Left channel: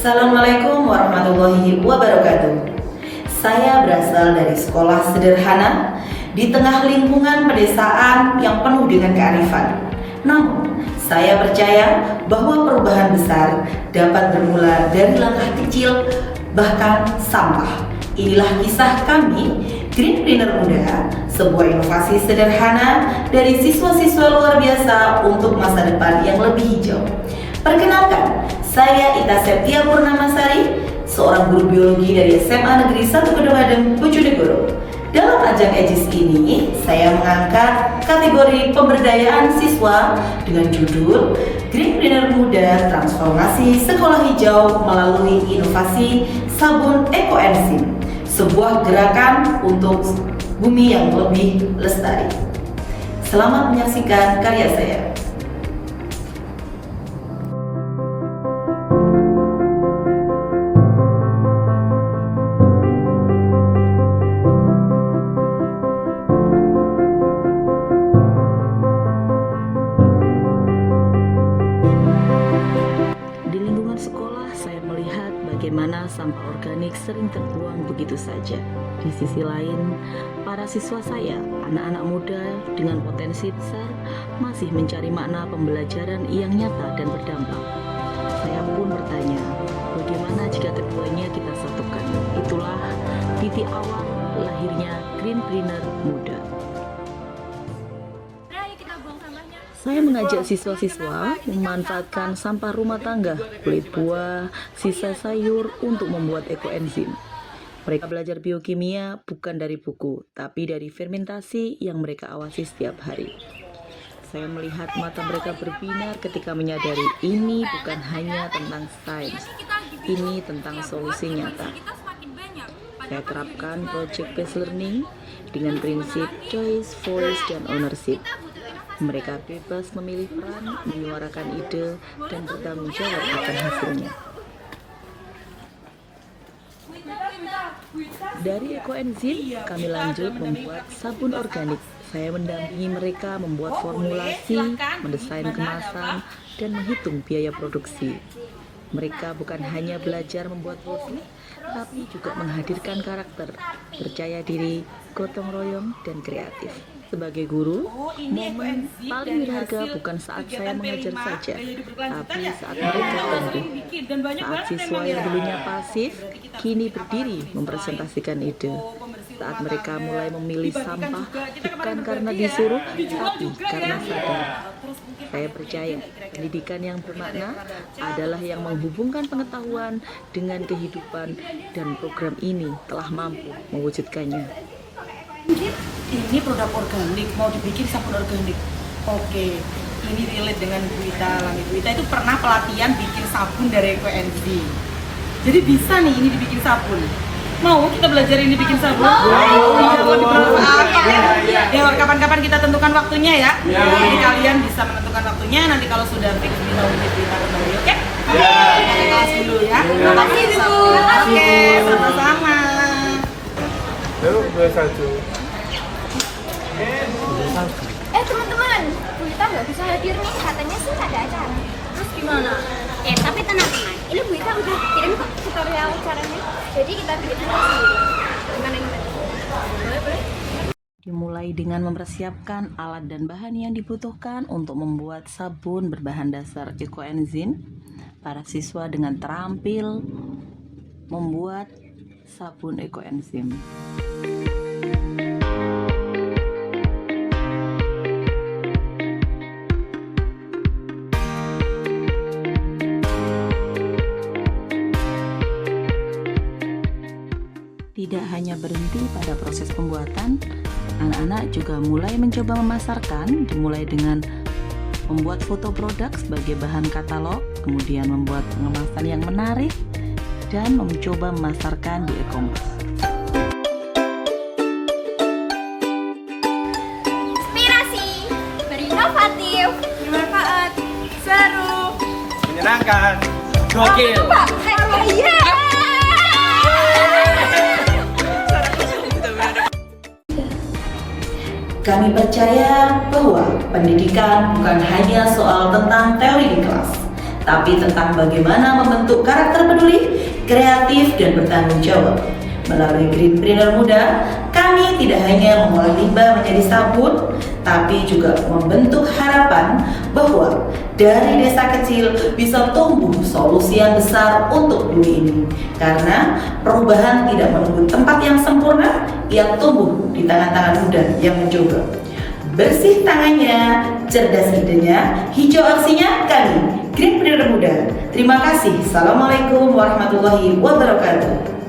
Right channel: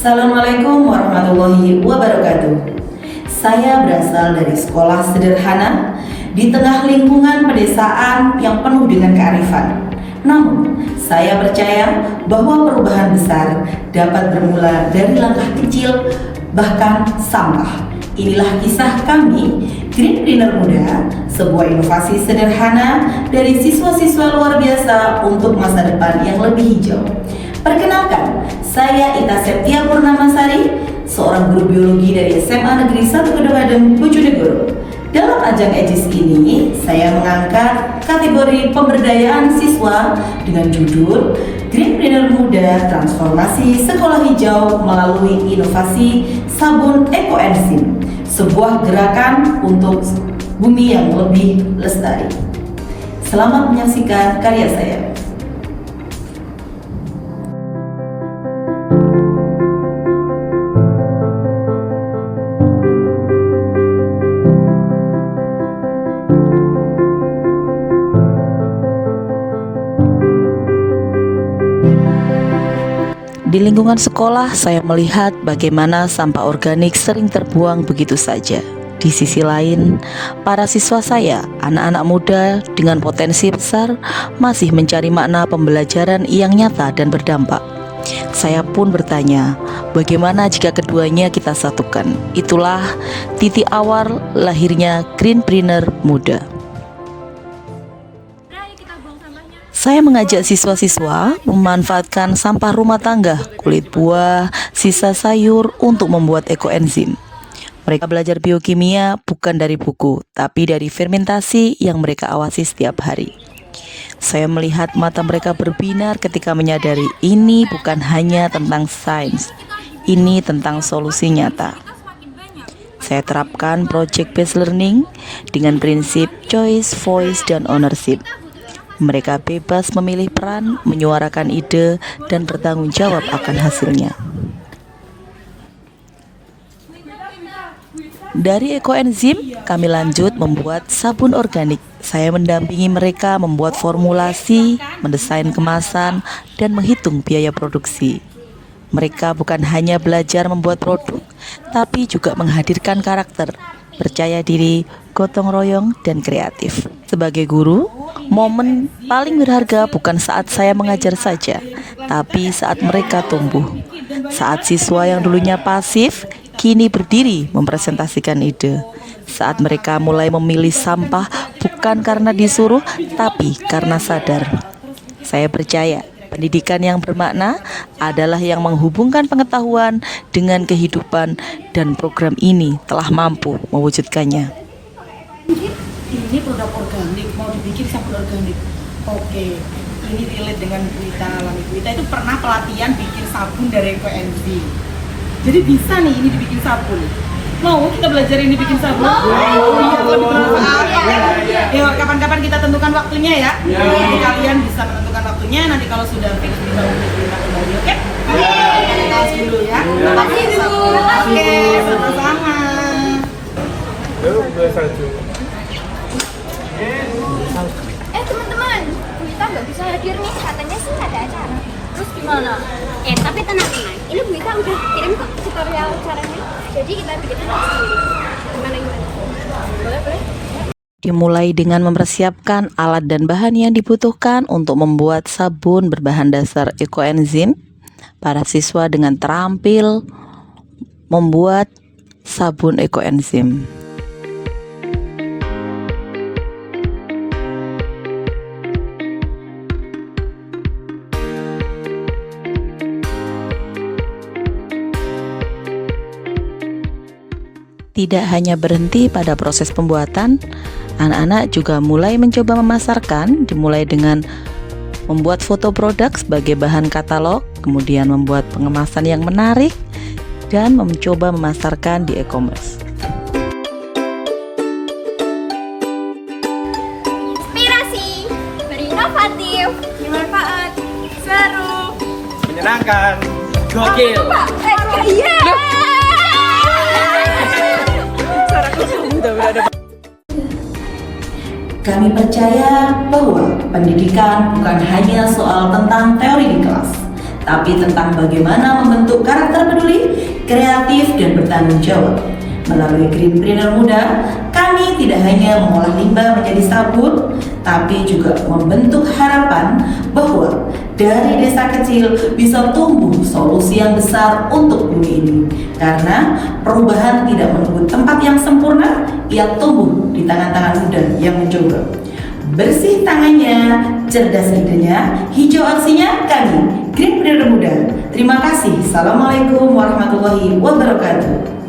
Assalamualaikum warahmatullahi wabarakatuh. Saya berasal dari sekolah sederhana di tengah lingkungan pedesaan yang penuh dengan kearifan. Namun, saya percaya bahwa perubahan besar dapat bermula dari langkah kecil, bahkan sampah. Inilah kisah kami, Greenpreneur Muda, sebuah inovasi sederhana dari siswa-siswa luar biasa untuk masa depan yang lebih hijau. Perkenalkan, saya Ita Septia Purnamasari, seorang guru biologi dari SMA Negeri 1 Kedung Bojonegoro. Dalam ajang EJIS ini, saya mengangkat kategori pemberdayaan siswa dengan judul Greenpreneur Muda Transformasi Sekolah Hijau melalui inovasi sabun ekoenzim, sebuah gerakan untuk bumi yang lebih lestari. Selamat menyaksikan karya saya. Di lingkungan sekolah, saya melihat bagaimana sampah organik sering terbuang begitu saja. Di sisi lain, para siswa saya, anak-anak muda dengan potensi besar, masih mencari makna pembelajaran yang nyata dan berdampak. Saya pun bertanya, bagaimana jika keduanya kita satukan? Itulah titik awal lahirnya Greenpreneur Muda. Saya mengajak siswa-siswa memanfaatkan sampah rumah tangga, kulit buah, sisa sayur untuk membuat ekoenzim. Mereka belajar biokimia bukan dari buku, tapi dari fermentasi yang mereka awasi setiap hari. Saya melihat mata mereka berbinar ketika menyadari ini bukan hanya tentang sains, ini tentang solusi nyata. Saya terapkan project based learning dengan prinsip choice, voice, dan ownership. Mereka bebas memilih peran, menyuarakan ide, dan bertanggung jawab akan hasilnya. Dari ekoenzim, kami lanjut membuat sabun organik. Saya mendampingi mereka membuat formulasi, mendesain kemasan, dan menghitung biaya produksi. Mereka bukan hanya belajar membuat produk, tapi juga menghadirkan karakter, percaya diri, gotong royong, dan kreatif. Sebagai guru, momen paling berharga bukan saat saya mengajar saja, tapi saat mereka tumbuh. Saat siswa yang dulunya pasif, kini berdiri mempresentasikan ide. Saat mereka mulai memilih sampah bukan karena disuruh, tapi karena sadar. Saya percaya pendidikan yang bermakna adalah yang menghubungkan pengetahuan dengan kehidupan, dan program ini telah mampu mewujudkannya. Ini produk organik, mau dibikin sabun organik. Oke, ini relate dengan Bu Ita. Bu Ita itu pernah pelatihan bikin sabun dari ekoenzim. Jadi bisa nih ini dibikin sabun. Mau kita belajar ini bikin sabun? Lebih bermanfaat. Yuk, kapan-kapan kita tentukan waktunya ya. Jadi kalian bisa menentukan waktunya. Nanti kalau sudah fix bisa hubungi kita kembali, oke? Kita kelas dulu ya. Oke, sama-sama. Teman-teman, Bu Ita nggak bisa hadir nih, katanya sih ada acara. Terus gimana? Tapi tenang-tenang, ini Bu Ita udah kirim kok tutorial caranya. Jadi kita bikin aja sendiri. Gimana? Boleh? Dimulai dengan mempersiapkan alat dan bahan yang dibutuhkan untuk membuat sabun berbahan dasar ekoenzim. Para siswa dengan terampil membuat sabun ekoenzim. Tidak hanya berhenti pada proses pembuatan, anak-anak juga mulai mencoba memasarkan, dimulai dengan membuat foto produk sebagai bahan katalog, kemudian membuat pengemasan yang menarik, dan mencoba memasarkan di e-commerce. Inspirasi, berinovatif, bermanfaat, seru, menyenangkan, gokil. Kami percaya bahwa pendidikan bukan hanya soal tentang teori di kelas, tapi tentang bagaimana membentuk karakter peduli, kreatif, dan bertanggung jawab. Melalui Greenpreneur Muda, kami tidak hanya mengolah limbah menjadi sabun, tapi juga membentuk harapan bahwa dari desa kecil bisa tumbuh solusi yang besar untuk bumi ini. Karena perubahan tidak menunggu tempat yang sempurna, ia tumbuh di tangan-tangan muda yang mencoba. Bersih tangannya, cerdas idenya, hijau aksinya, kami Greenpreneur Muda. Terima kasih. Assalamualaikum warahmatullahi wabarakatuh.